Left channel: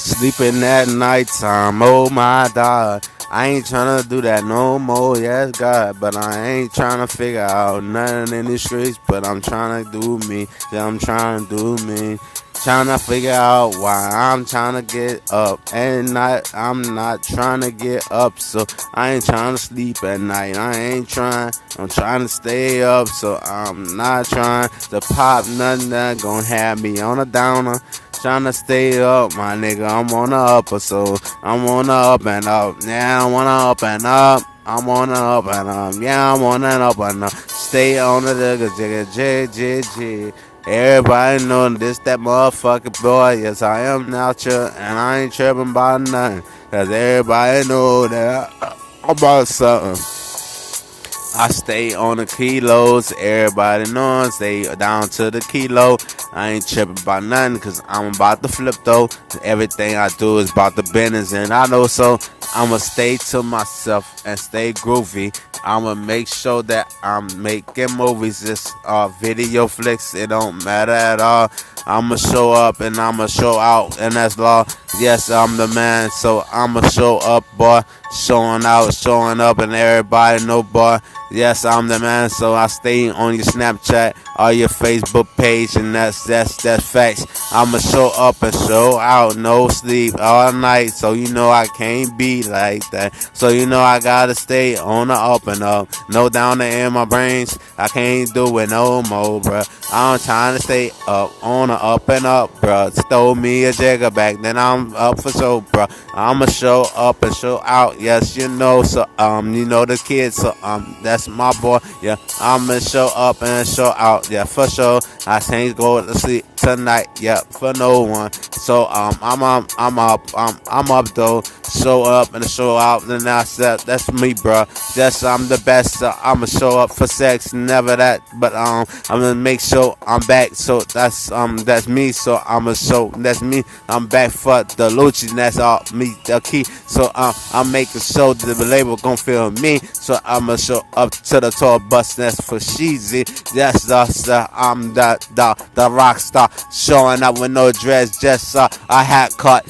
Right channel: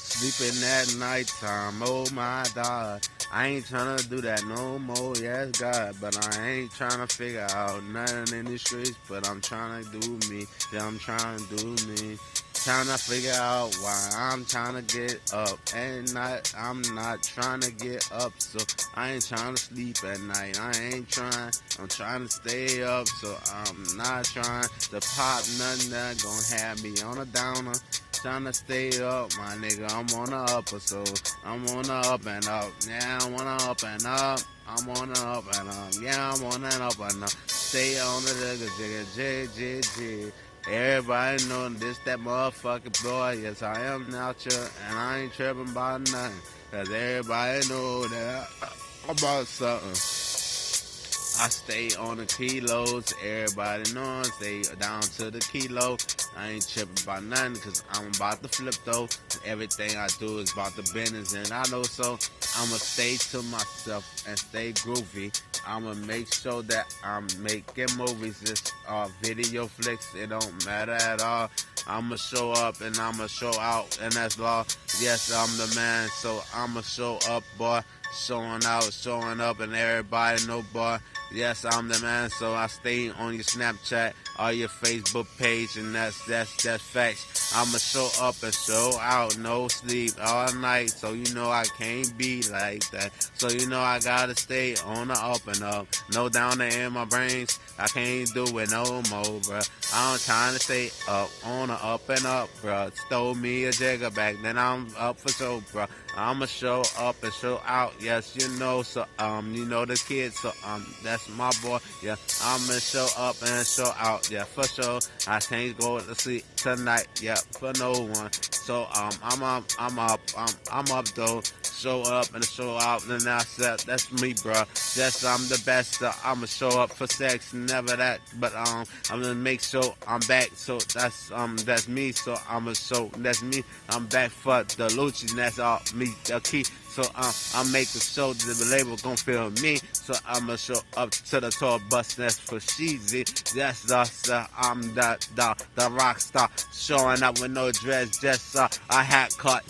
Sleeping at nighttime, oh my God. I ain't tryna do that no more, yes God. But I ain't tryna figure out nothing in these streets. But I'm tryna do me, yeah, I'm tryna do me. Tryna figure out why I'm tryna get up. And I'm not tryna get up, so I ain't tryna sleep at night. I ain't trying, I'm trying to stay up, so I'm not trying to pop nothing that gon' have me on a downer. Tryna stay up, my nigga. I'm on the upper, so I'm on the up and up. Yeah, I'm on the up and up. I'm on the up and up. Yeah, I'm on and up and up. Stay on the jigga. Everybody know this that motherfucking boy. Yes, I am out here, and I ain't tripping about nothing. Cause everybody know that I'm about something. I stay on the kilos, everybody knows, stay down to the kilo. I ain't tripping about nothing, cause I'm about to flip though. Everything I do is about the business, and I know so. I'ma stay to myself and stay groovy. I'ma make sure that I'm making movies, just video flicks, it don't matter at all. I'ma show up and I'ma show out, and that's law. Yes, I'm the man, so I'ma show up, boy. Showing out, showing up, and everybody know, boy. Yes, I'm the man, so I stay on your Snapchat or your Facebook page, and that's facts. I'ma show up and show out, no sleep all night, so you know I can't be like that. So you know I gotta stay on the up and up, no down there in my brains. I can't do it no more, bruh. I'm trying to stay up on the up and up, bruh. Stole me a jigger back, then I'm up for show, bruh. I'ma show up and show out, yes, you know. So you know the kids, so that's my boy, yeah. I'ma show up and show out, yeah, for sure. I can't go to sleep tonight, yeah, for no one. So I'm up though. Show up and show out, and that's me, bro. Yes, I'm the best. So I'ma show up for sex, never that, but I'm gonna make sure I'm back. So that's me. So I'ma show that's me. I'm back for the Lucci, that's all me, the key. So I'm making sure that the label gon' feel me. So I'ma show up to the tour bus, that's for Sheezy. Yes, I'm the rock star, showing up with no dress, just a hat cut.